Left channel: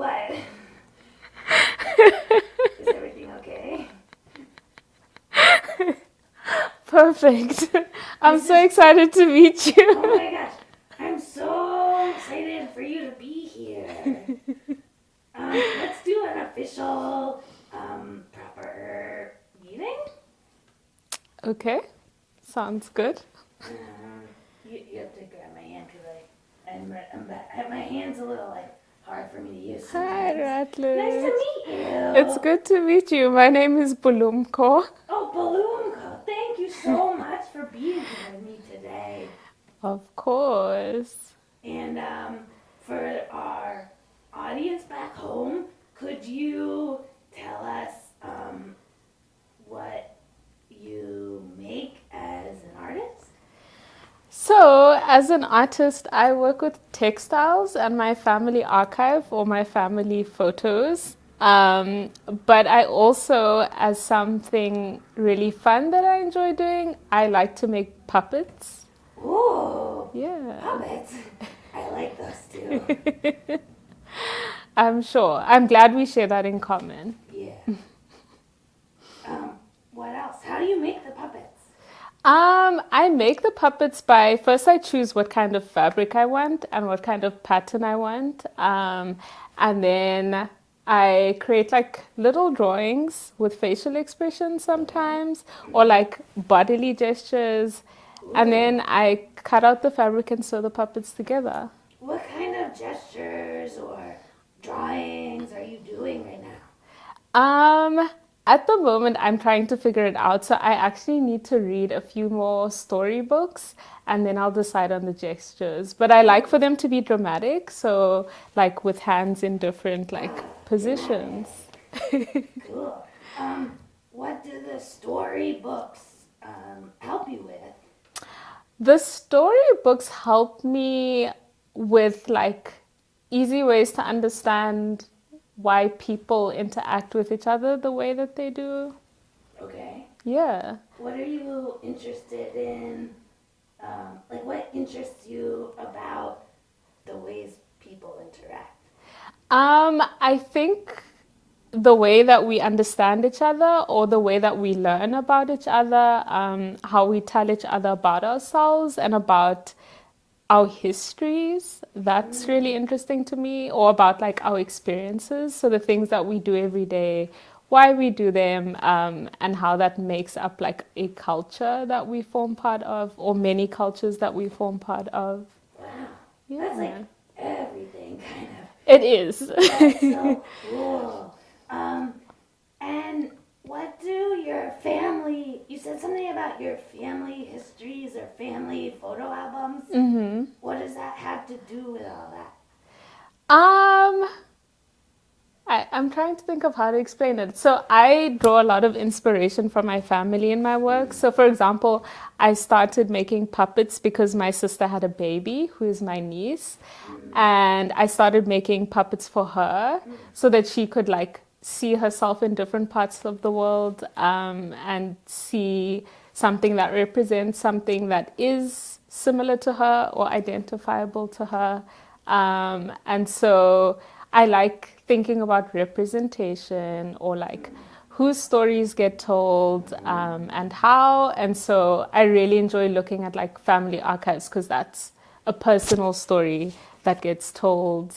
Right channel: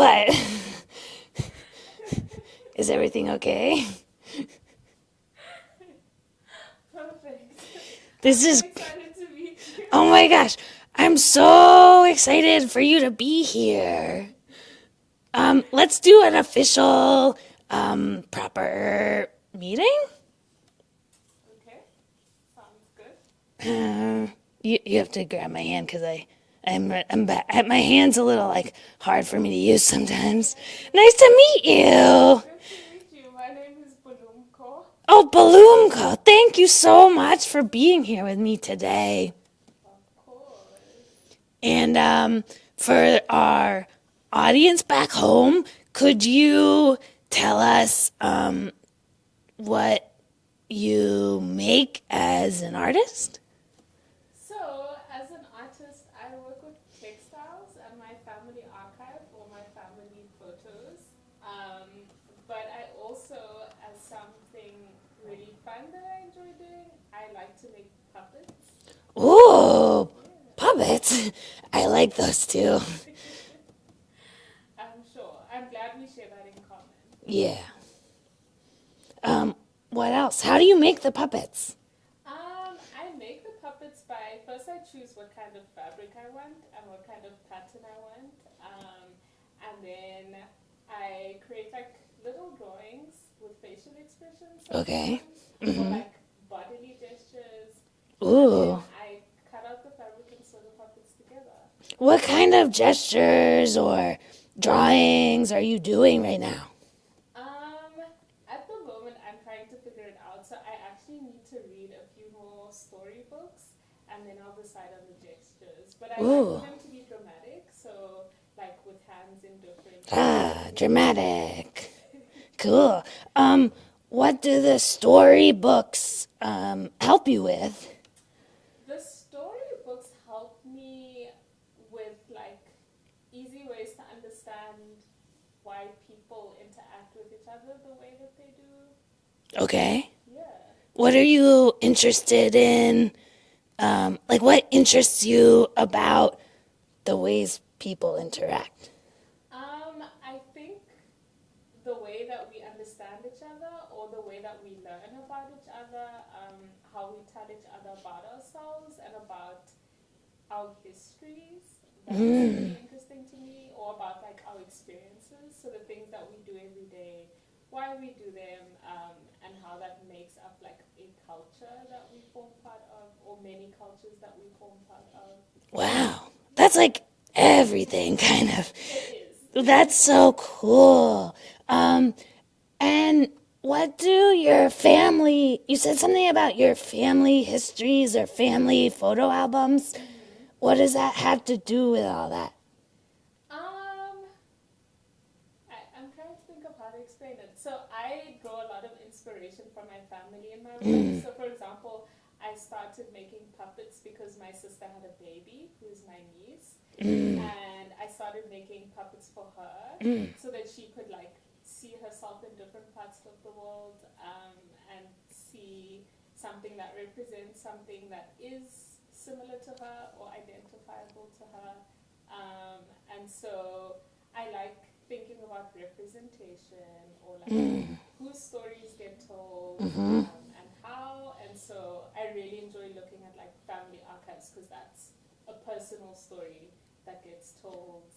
What? Is everything okay? Perfect. I'm This so is, excited to meet you. oh my gosh. I'm so excited for you to be here. Let's do an official, proper meeting. Okay, sounds good. You have to grab my hand because my hand's a little like hard for me to use Hi, sometimes. Nice to Atlas. meet It's you. good to meet you. My name is Bulumko. Oh, Bulumko, thank you so much for being here with me today. Of course. And for our audience back home, could you tell us what you make as an artist? So, as an artist, I work with textiles and my family archive or my family photos. Um, but I also, as something really fun that I enjoy doing, I like to make puppets. Ooh, Yeah, puppets. I like those too. I'm sure. I'm glad we share that in common. Yeah. What else? How do you make the puppets? I make the puppets by first I choose what kind of fabric I want and what kind of pattern I want. And then I create like little drawings with facial expressions Okay. sometimes or like bodily gestures. And Ooh. then I cut out the fabric and sew the puppets together. What kind of gestures or drawings are you doing right now? Um, at the moment, I'm trying to figure it out. So I actually need to read a few more storybooks and then I'll decide on the gestures. But I like for Ooh. them to be dramatic. So, like with hands in different like positions. Dramatic. Cool. What do the storybooks help you with? The storybooks help me with like easy ways to understand why people interact with each other the way that they do. Okay. Yeah. What are you interested in? Like, what interests you about the ways people interact? I think the way that we understand each other or the way that we learn about each other, how we tell each other about ourselves and about our histories, that's really interesting to me, or about like our experiences. So the things that we do every day, why we do them, and how that makes up like a culture that we form part of, or many cultures that we form part of. Wow. That's like Yeah, everything, kind of. it is. That's so cool. And what do your family, you said something about your family histories or family photo albums. What does that have to do with all that? Um, I'm trying to think of how to explain it. So I draw a lot of inspiration from my family in my work. So for example, I started making puppets because my sister had a baby who is my niece. And I started making puppets for her so that she could like see herself in different parts of the world and see something that represents something that is similar to her or identifiable to her. And so I like thinking about representation or like whose stories get told and how. And so I really enjoy looking at like family archives because that's a personal story that gets told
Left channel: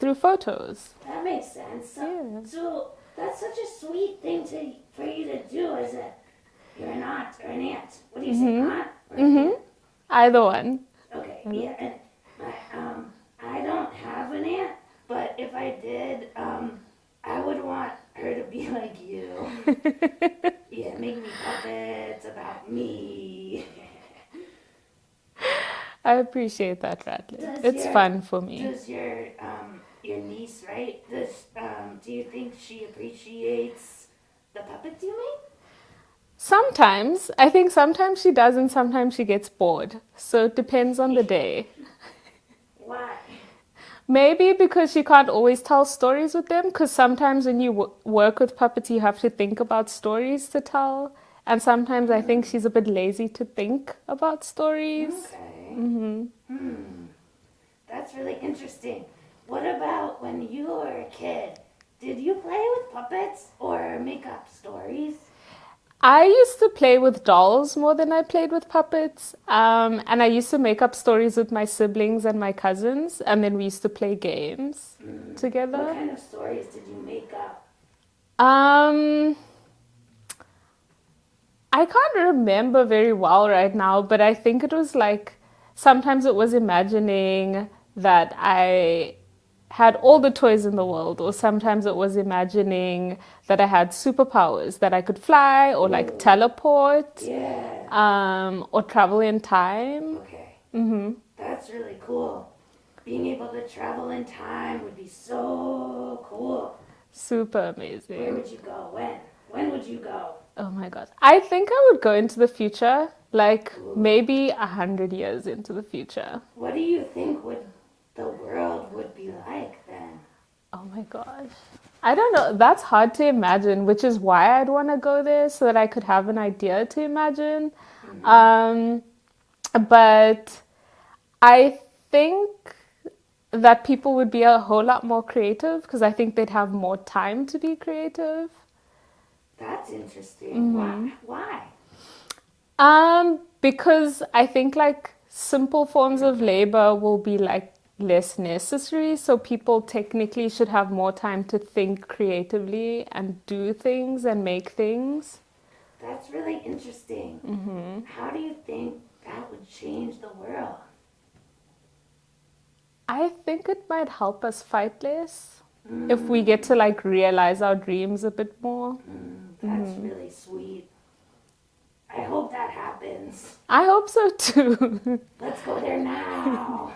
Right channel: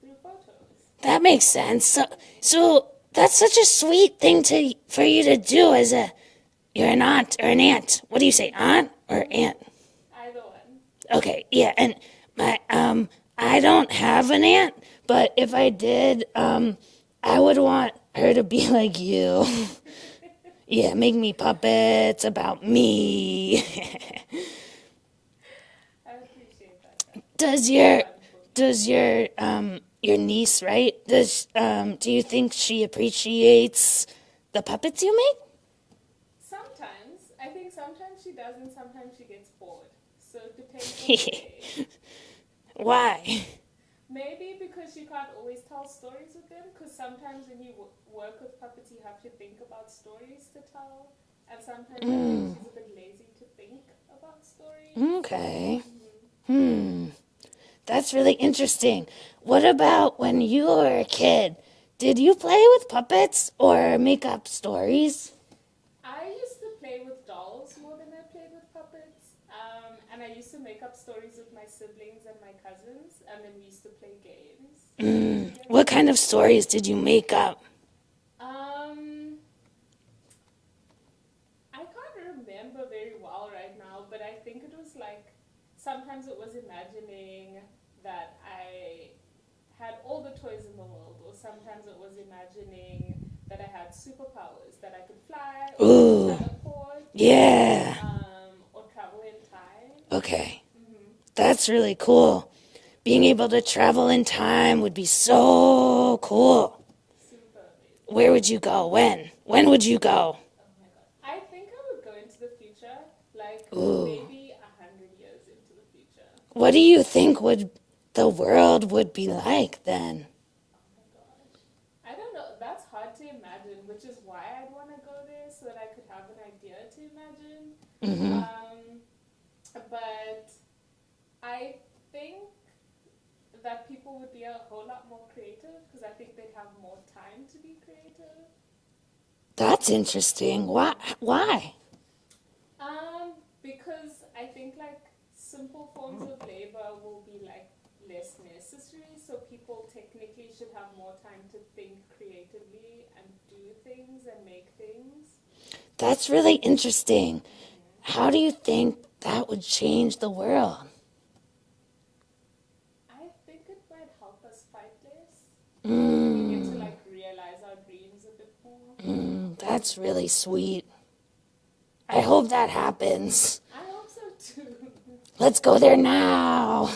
through photos. That makes sense. So, Yeah. so that's such a sweet thing for you to do as you're an aunt or an aunt. What do you say, aunt or aunt? Either one. Okay, yeah, and I don't have an aunt, but if I did, I would want her to be like you. Yeah, make me puppets about me. I appreciate that, Radley. Does It's your fun for me. does your niece, right? Do you think she appreciates the puppets you make? Sometimes, I think sometimes she does and sometimes she gets bored. So it depends on the day. Why? Maybe because she can't always tell stories with them, because sometimes when you work with puppets, you have to think about stories to tell. And sometimes I think she's a bit lazy to think about stories. Okay. That's really interesting. what about when you were a kid? Did you play with puppets or make up stories? I used to play with dolls more than I played with puppets. And I used to make up stories with my siblings and my cousins, and then we used to play games together. What kind of stories did you make up? Um, I can't remember very well right now, but I think it was like sometimes it was imagining that I had all the toys in the world, or sometimes it was imagining that I had superpowers, that I could fly or like teleport, Yeah. or travel in time. Okay. That's really cool. Being able to travel in time would be so cool. Super amazing. Where would you go? When? When would you go? Oh my God. I think I would go into the future, like maybe 100 years into the future. What do you think the world would be like then? Oh my gosh. I don't know. That's hard to imagine, which is why I'd want to go there so that I could have an idea to imagine. But I think that people would be a whole lot more creative because I think they'd have more time to be creative. That's interesting. Why? Because I think like simple forms of labor will be like less necessary, so people technically should have more time to think creatively and do things and make things. That's really interesting. How do you think that would change the world? I think it might help us fight less if we get to like realize our dreams a bit more. That's really sweet. I hope that happens. I hope so too. Let's go there now.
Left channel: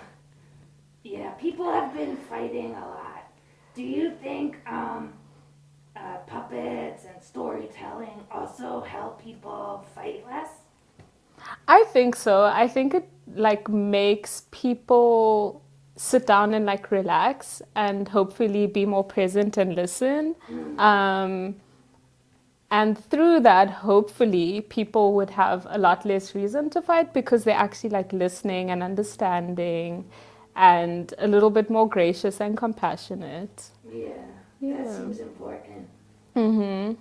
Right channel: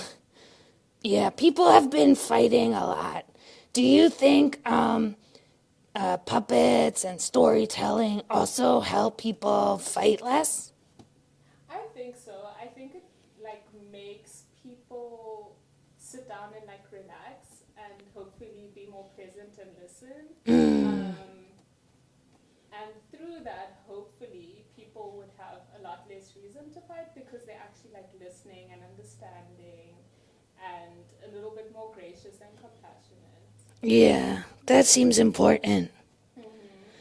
Yeah, people have been fighting a lot. Do you think puppets and storytelling also help people fight less? I think so. I think it like makes people sit down and like relax and hopefully be more present and listen. And through that, hopefully, people would have a lot less reason to fight because they're actually like listening and understanding and a little bit more gracious and compassionate. Yeah, that seems important. I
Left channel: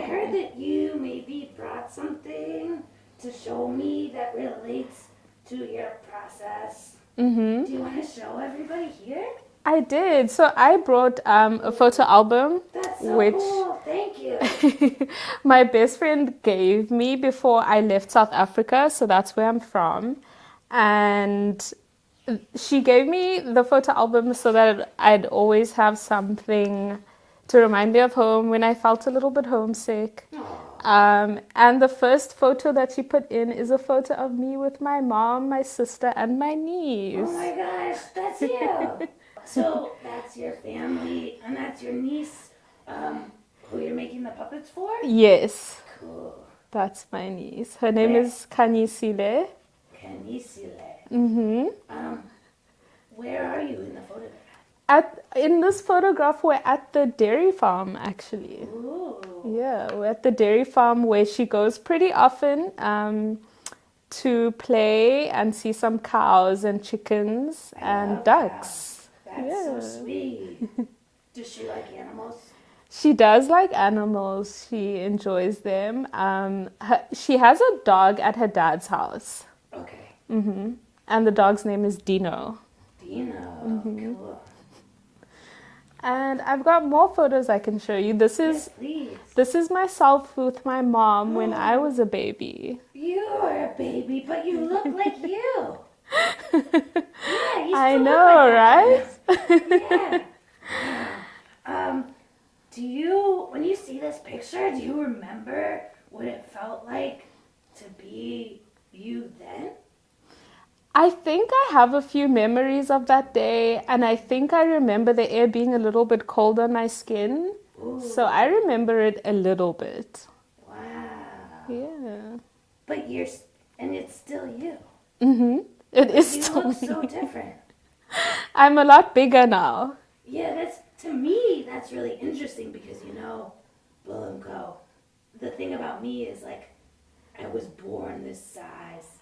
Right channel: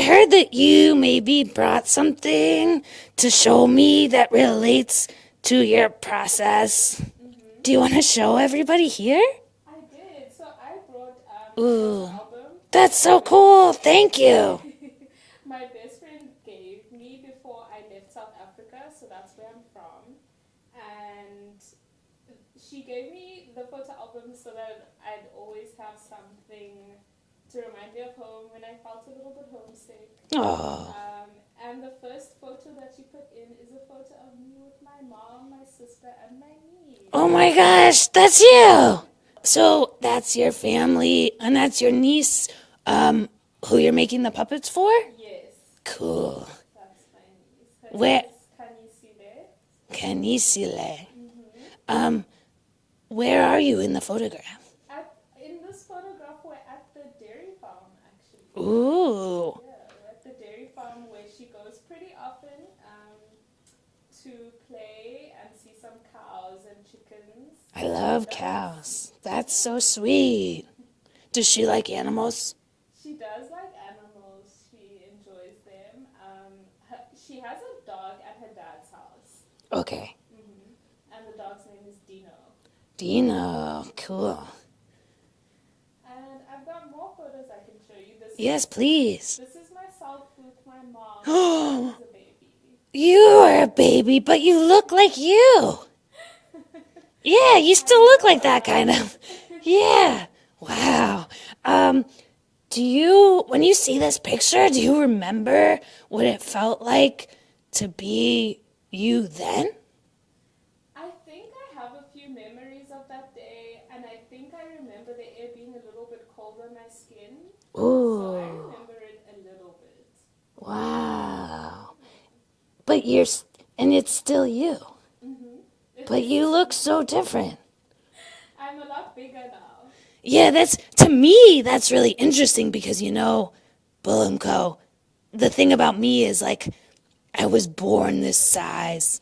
heard that you maybe brought something to show me that relates to your process. Do you want to show everybody here? I did. So I brought a photo album. That's so cool. Thank you. My best friend gave me before I left South Africa. So that's where I'm from. And she gave me the photo album so that I'd always have something to remind me of home when I felt a little bit homesick. And the first photo that she put in is a photo of me with my mom, my sister, and my niece. Oh my gosh, that's you. So that's your family, and that's your niece, who you're making the puppets for? Yes. Cool. That's my niece. Her name is Kanisile. Kanisile. Where are you in the photograph? In this photograph, we're at the dairy farm, actually. Ooh. Yeah, we're at the dairy farm where she goes pretty often to play and see some cows and chickens I and love ducks. cows. That's so sweet. Does she like animals? She does like animals. She enjoys them. She has a dog at her dad's house. Okay. And the dog's name is Dino. Dino. Cool. And I've got more photos I can show you. Yes, please. This is myself with my mom when I was a baby. You are a baby, but you look like you. Yeah, you still look like that kind of. Yeah. Wow. When you see this picture, do you remember what it felt like to be you then? I think I have a few memories of that day, and I think I remember the air being a little bit cold on my skin. Ooh. So I remember it a little bit. Wow. Yeah. But and it's still you. But you look so different. I'm a lot bigger now. Yeah, to me, that's really interesting because, Bulumko, the thing about me is like, I was born this size.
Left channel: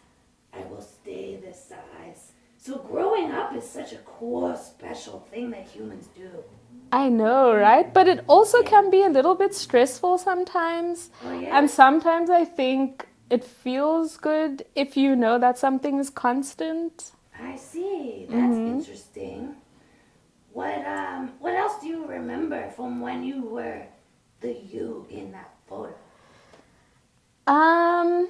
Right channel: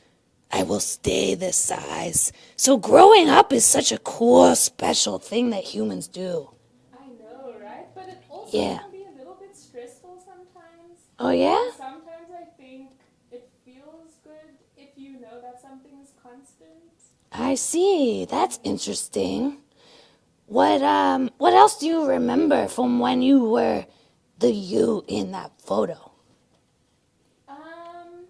I will stay this size. So growing up is such a cool, special thing that humans do. I know, right? But it also Yeah. can be a little bit stressful sometimes. Oh, yeah? And sometimes I think it feels good if you know that something is constant. I see. That's interesting. What else do you remember from when you were the you in that photo? Um,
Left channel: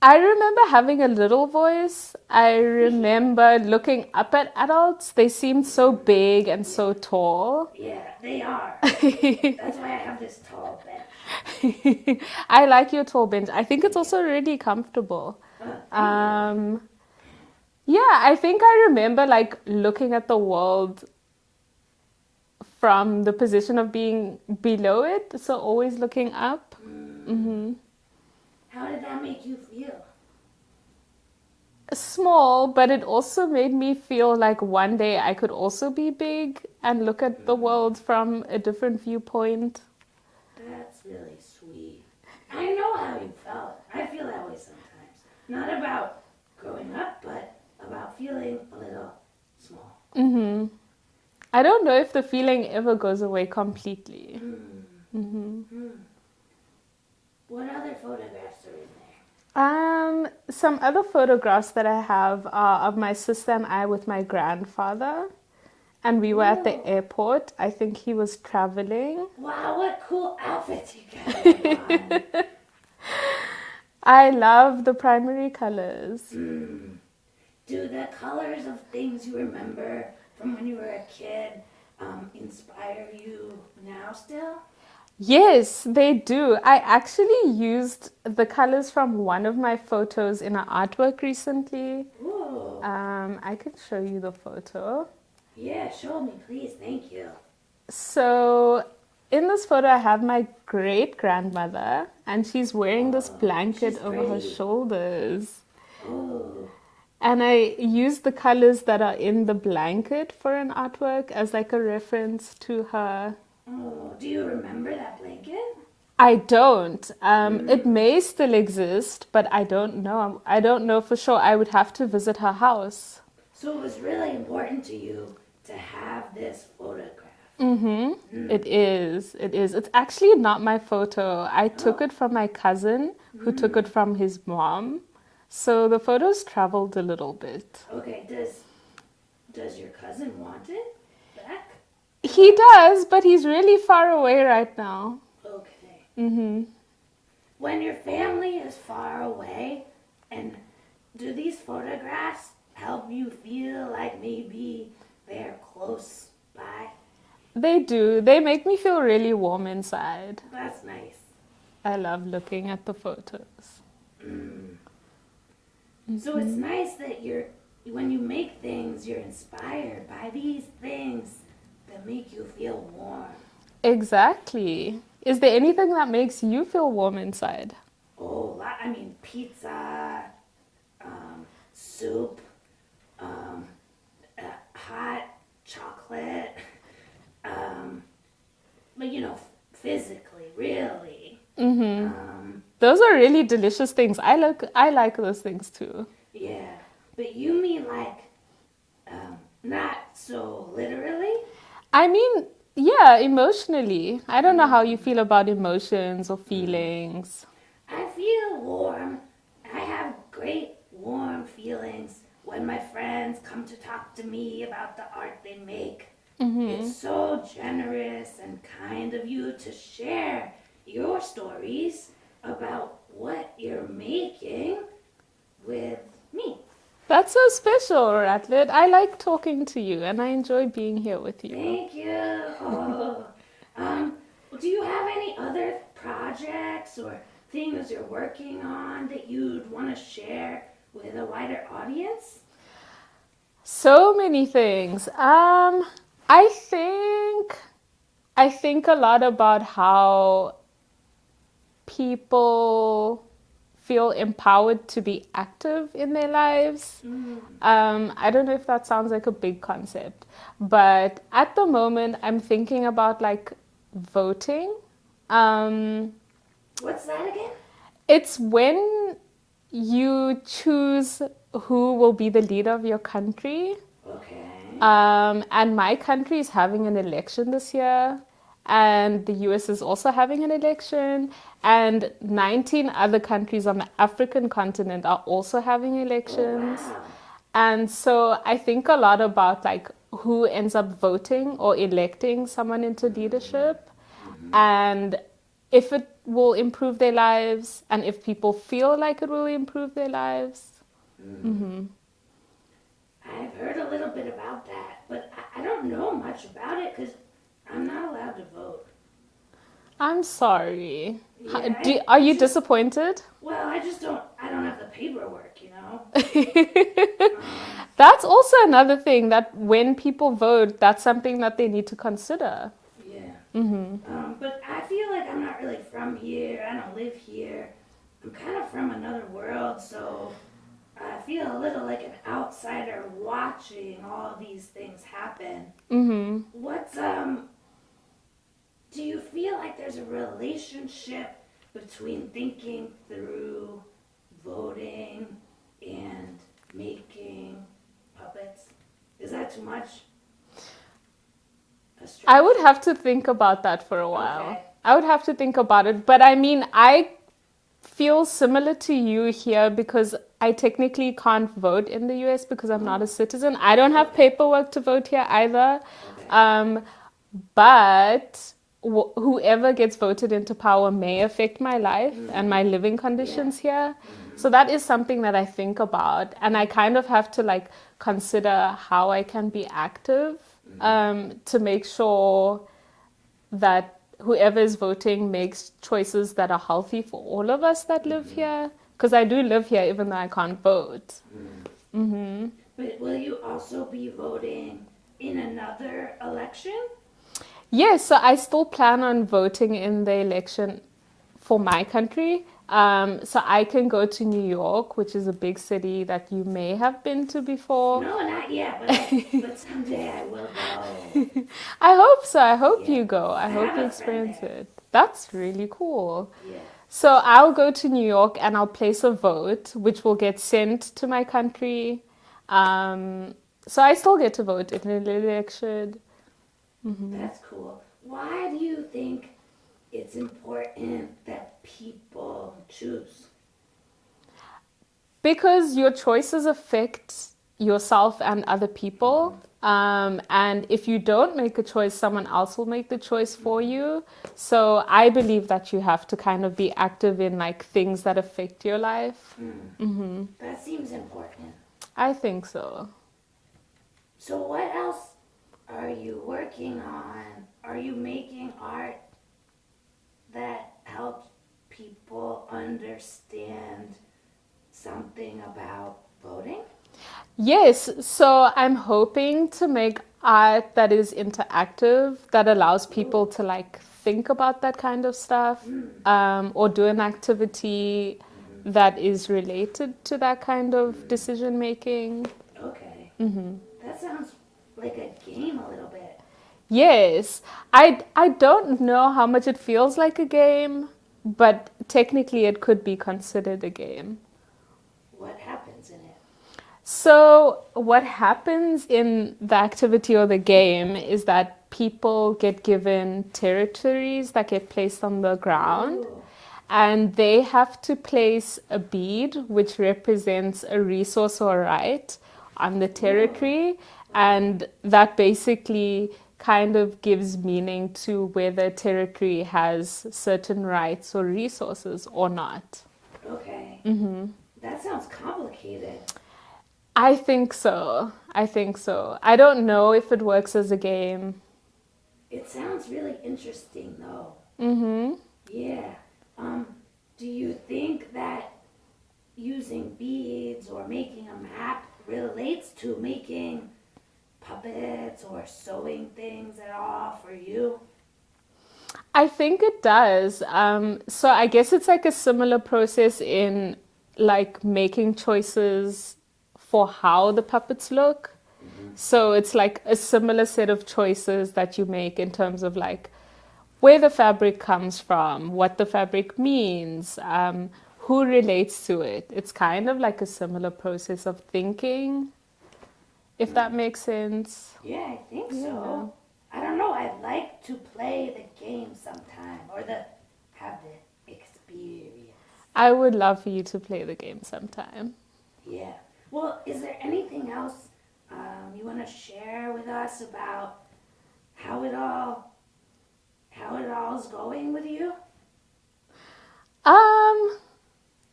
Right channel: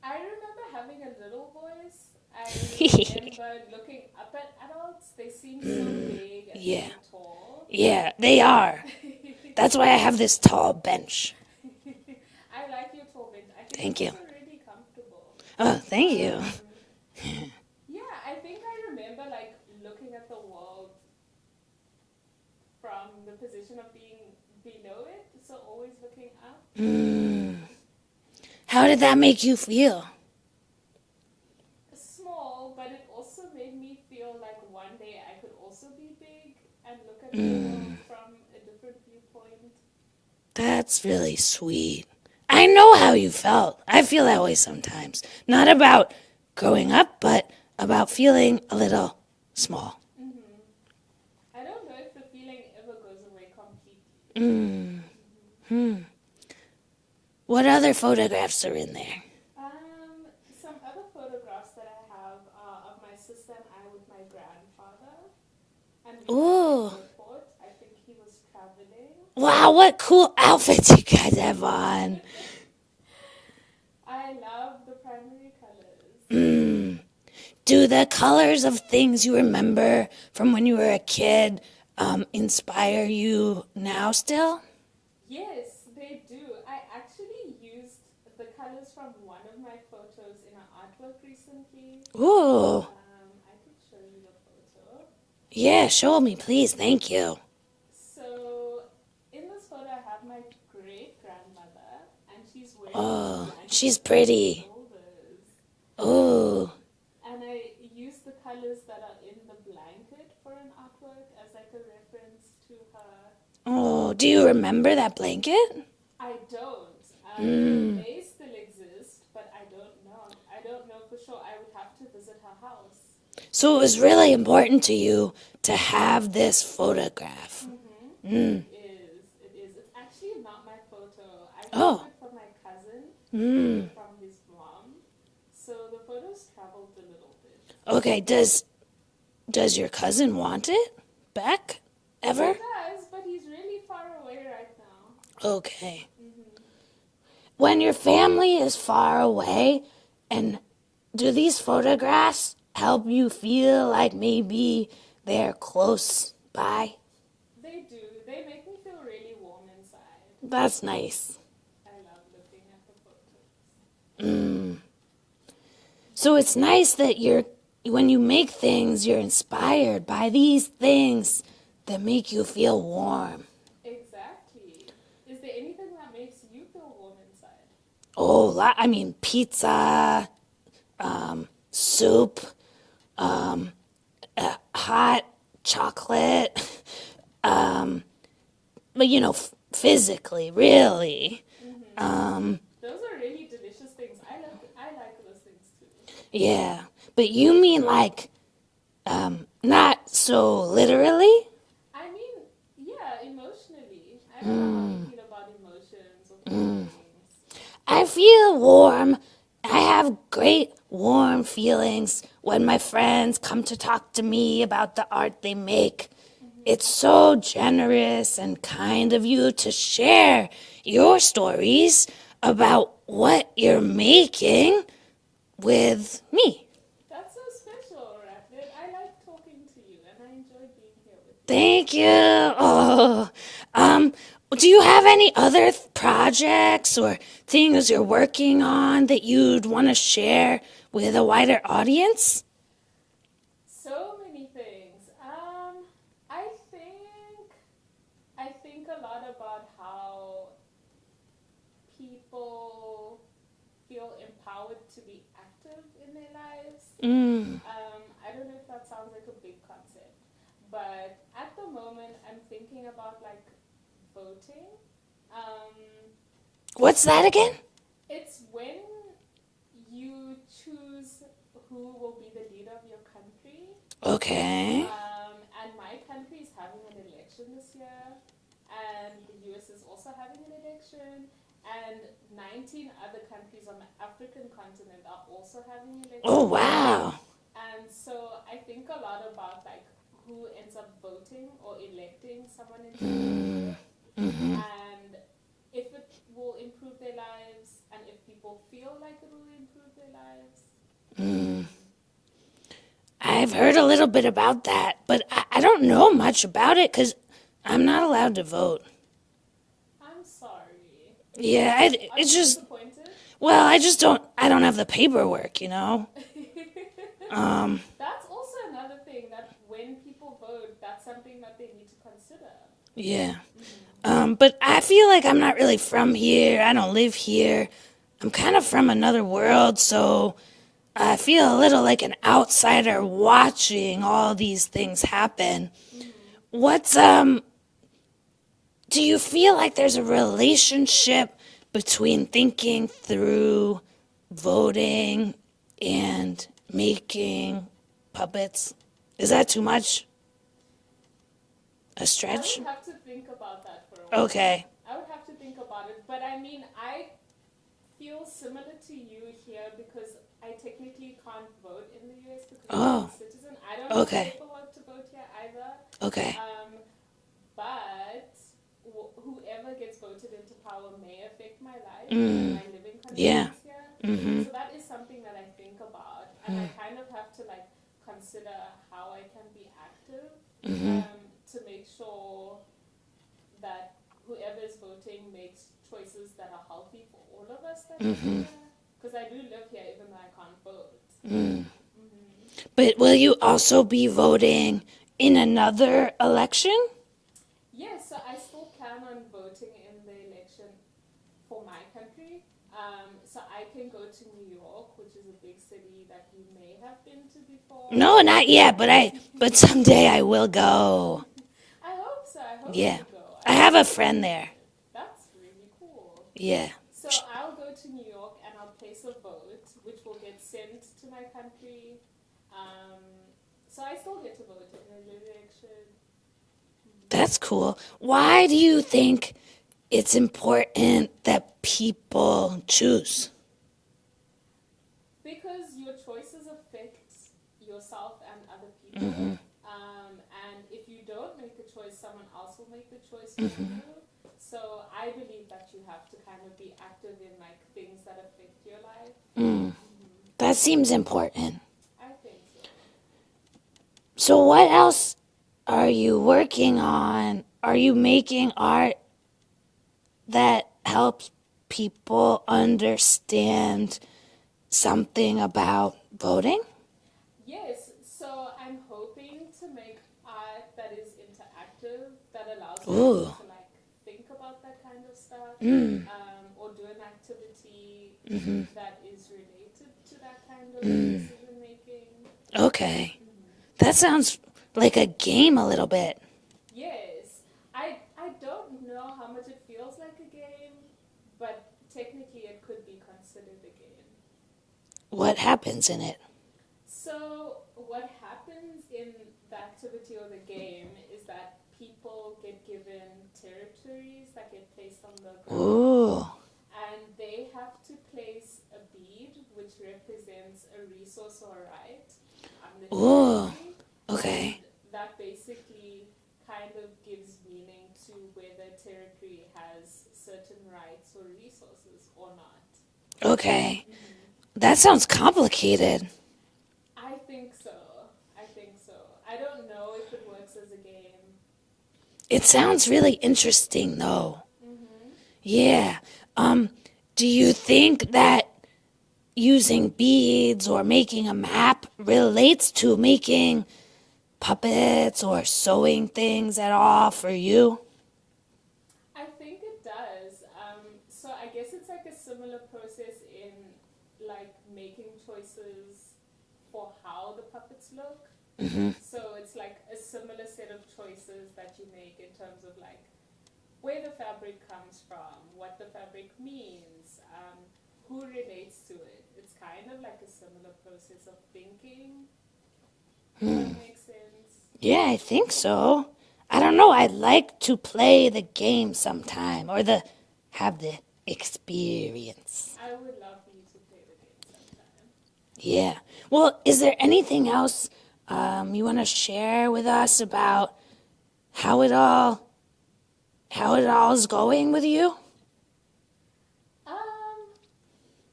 I remember having a little voice. I remember looking up at adults. They seemed so big and so yeah. tall. Yeah, they are. That's why I have this tall bench. I like your tall bench. I think it's Thank you. also really comfortable. Oh, thank you. Yeah, I think I remember like looking at the world from the position of being below it, so always looking up. How did that make you feel? Small, but it also made me feel like one day I could also be big and look at the world from a different viewpoint. That's really sweet. I know how you felt. I feel that way sometimes. Not about growing up, but about feeling a little small. I don't know if the feeling ever goes away completely. What other photographs are in there? Some other photographs that I have are of my sister and I with my grandfather. And we were at the Ooh. airport. I think he was traveling. Wow, what cool outfits you guys have on. I love the primary colors. Do the colors of things you remember from when you were a kid inspire you now still? Yes, they do. I actually used the colors from one of my photos in an artwork recently. Ooh. I can show you the photo. Yeah, show me, please. Thank you. So, in this photo, I have my great grandmother, and she's wearing this blanket she's over her pretty. shoulders. Ooh. And I used the colors that are in the blanket for an artwork as like a reference to her. Oh, do you remember that blanket? I don't. It may still exist, but I don't know. I don't know for sure. I would have to visit her house. So it was really important to you to have this photograph. It is. It is. It's actually not my photo. I took it from my cousin who took it from his mom. So the photos traveled a little bit. Okay, does your cousin want it back? Ever? He does, but he's really far away right now. Okay. When your family is far away, and do these photographs help you feel like maybe they're close by? They do. They make me feel really warm inside. That's nice. I love looking at the photos. So it's nice that when you make things, you're inspired by these things that make you feel warm. Exactly. Is there anything that makes you feel warm inside? Oh, pizza, soup, hot chocolate, but physically, really. Those are really delicious things. I like those things too. Yeah, but you mean like, not so literally? I mean, yeah, emotionally. I don't know how you feel about emotions or feelings. I feel warm. I have great warm feelings when my friends come to talk to me about the art they make. It's so generous and kind of you to share your stories about what you're making with me. That's so special, Ratlet. I like talking to you and I enjoy being here with you. Thank you. Oh, do you have any other projects or things you're working on that you'd want to share with a wider audience? So many things. I think a lot about how people feel empowered to be active in their lives. I don't know if that sounds like a big concept, but at the moment I'm thinking about like voting. What's that again? It's when you you choose who will be the leader of your country. Okay. And my country is having an election this year, and the US is also having an election, and 19 other countries on the African continent are also having elections. Oh, wow. And so I think a lot about like who ends up voting or electing someone into leadership, and if it will improve their lives, and if people feel like it will improve their lives. I've heard a little bit about that, but I don't know much about it because I'm not allowed to vote. I'm sorry. Yeah, Are it's you just, disappointed? well, I don't have the paperwork, you know? That's also another thing that when people vote, that's something that they need to consider. Yeah. But I feel like I'm not really from here. I don't live here. I'm kind of from another world, so I feel a little like an outsider watching all these things happen. What's do you feel like there's a relationship between thinking through voting and making puppets? Is that too much? A stretch? I would have to think about that for a while. Okay. I would have to think about it. But I mean, I feel similar to you here because I technically can't vote in the US because I'm not a citizen. I don't have Okay. paperwork to vote here either. Okay. But whoever gets voted into power may affect my life and my living conditions here. So that is something that I think about, and I kind of have to like consider how I can be active to make sure that whoever is voting makes choices that are healthy for all of us that live here. Because I do live here even though I can't vote. But will you also be voting in another election? Yes, so I still plan on voting in the election for my country. So I can go to New York, which is a big city that you may have been to before. No, not yet, but someday I will go. I hope so. I hope Yeah. you go. I have hope a you friend experience there. it. That's really cool. Yeah. So I'll go to New York and I'll place a vote, which will get sent to my country. So I still get to vote in an election. That's cool. Why do you think it's important that people choose? Because your choices affect yourself and other people. And if you don't make a choice, someone else will make the choice for you. So I believe that you have to kind of be active in like things that affect your life. That seems important. I think so. So what else are you working on? Are you making art that helps people understand something about voting? Yes, so I'm hoping to make art that is interactive, that allows people to like think about that kind of stuff, or do an activity that is related to that kind of decision making. Okay. That sounds like a game a little bit. Yes, I don't know how much it feels like a game, but technically it could be considered a game. What happens in it? So what happens in the activity or the game is that people get given territories that get placed on the ground. Ooh. And they have to place a bead which represents a resource or right on the territory. Okay. And that basically kind of gives meaning to whether territory has certain rights or resources or not. Okay. That sounds complicated. I think so. I don't know if it works as a game. It sounds really interesting, though. Yeah. Do you think that using beads or making a map relates to making puppets or sewing things at all for you? I think it does. So I guess it's like a similar process in like making choices for how the puppets look. So it's like a similar set of choices that you make in terms of like where the fabric comes from, what the fabric means, who relates to it. It's kind of like a similar process of thinking, if that makes sense. Yeah, I think so. I don't know. I'd like to play the game sometime or have the experience. I would love for you to play the game sometime. Yeah. Well, is there anything else you want to share with us about how it all is going with you?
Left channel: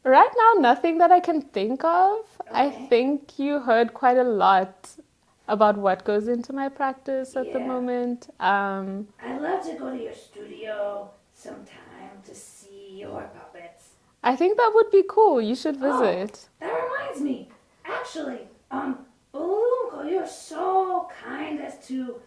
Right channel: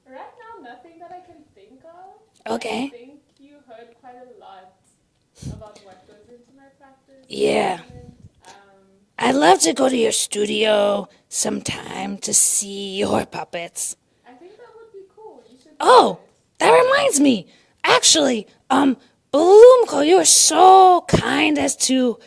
Right now, nothing that I can think of. Okay. I think you heard quite a lot about what goes into my practice at the Yeah. moment. I'd love to go to your studio sometime to see your puppets. I think that would be cool. You should Oh, visit. that reminds me. Actually, Bulumko, you were so kind as to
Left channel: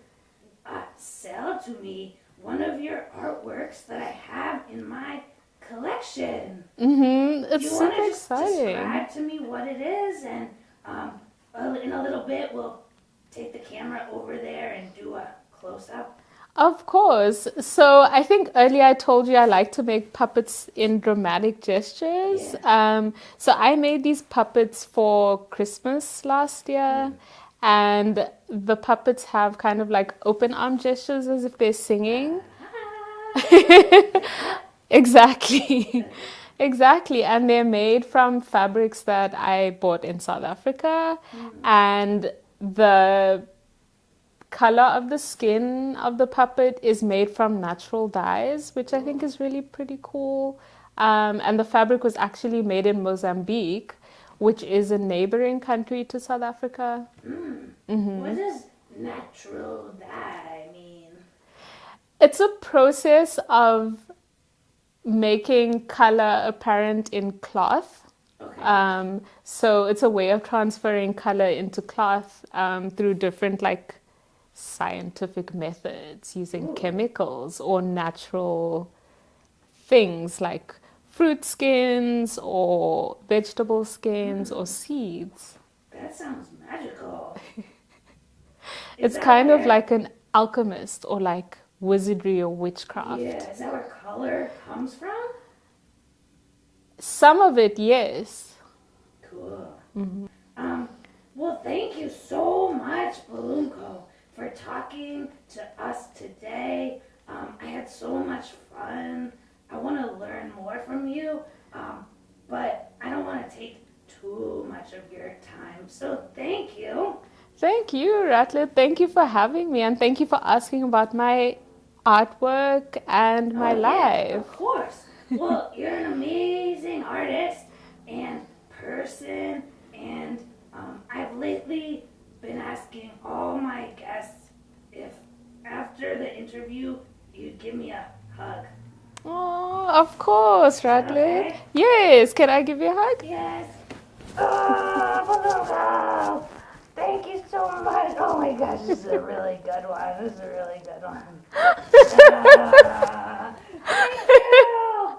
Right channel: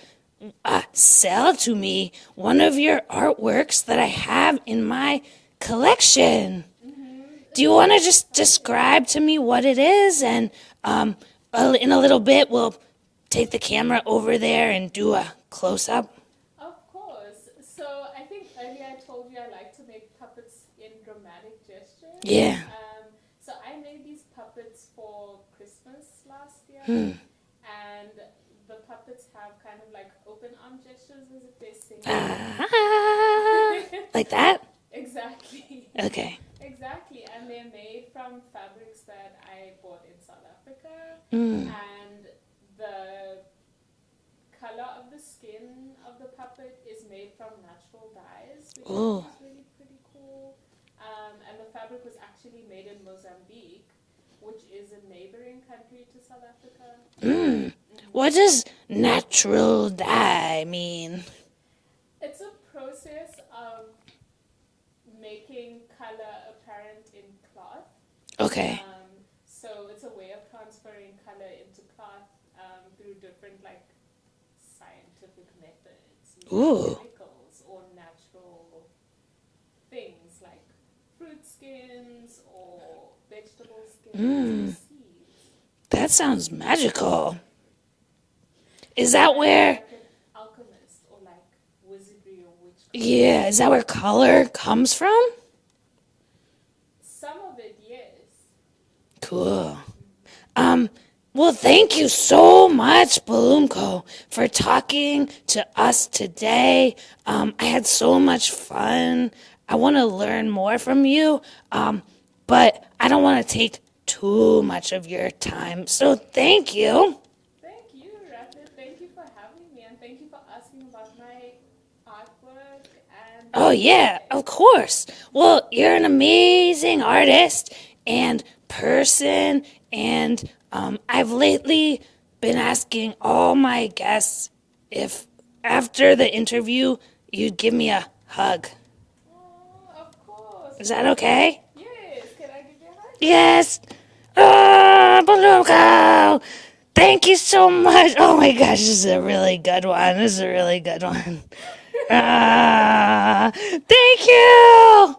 sell to me one of your artworks that I have in my collection. Do you want to just describe to me what it is? And in a little bit, we'll take the camera over there and do a close-up. Of course. So I think earlier I told you I like to make puppets in dramatic gestures. Yeah. So I made these puppets for Christmas last year. And the puppets have kind of like open arm gestures as if they're singing. Like that? Exactly. Okay. Exactly. And they're made from fabrics that I bought in South Africa. And the color of the skin of the puppet is made from natural dyes, which I think is really pretty cool. And the fabric was actually made in Mozambique, which is a neighboring country to South Africa. What does natural dye mean? It's a process of making color apparent in cloth. Okay. So it's a way of transferring color into cloth through different like scientific methods using chemicals or natural things like fruit skins or vegetable skins or seeds. That sounds magical. Is It's that kind where of like an alchemist or like wizardry or witchcraft. Yeah, is that where color comes from? Some of it, yes. Cool. Well, thank you so much, Bulumko, for talking to us today. I had so much fun. I want to learn more from you, but I don't want to take too much of your time. So thank you. Thank you, Ratlet. Thank you for having me, and thank you for asking about my artwork and my Oh, yeah, life. of course. Well, you're an amazing artist and person, and I've lately been asking all my guests if after the interview you'd give me a hug. Oh, of course, Is that Ratlet. okay? Yes. Can I give you a hug? Yes. Bulumko! Thank you so much. Oh my gosh, this is a really good one. Thank you.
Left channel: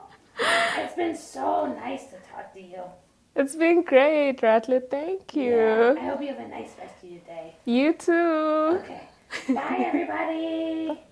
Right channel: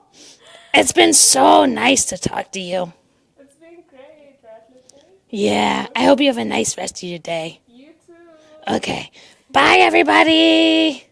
It's been so nice to talk to you. It's been great, Ratlet. Thank you. Yeah, I hope you have a nice rest of your day. You too. Okay. Bye, everybody.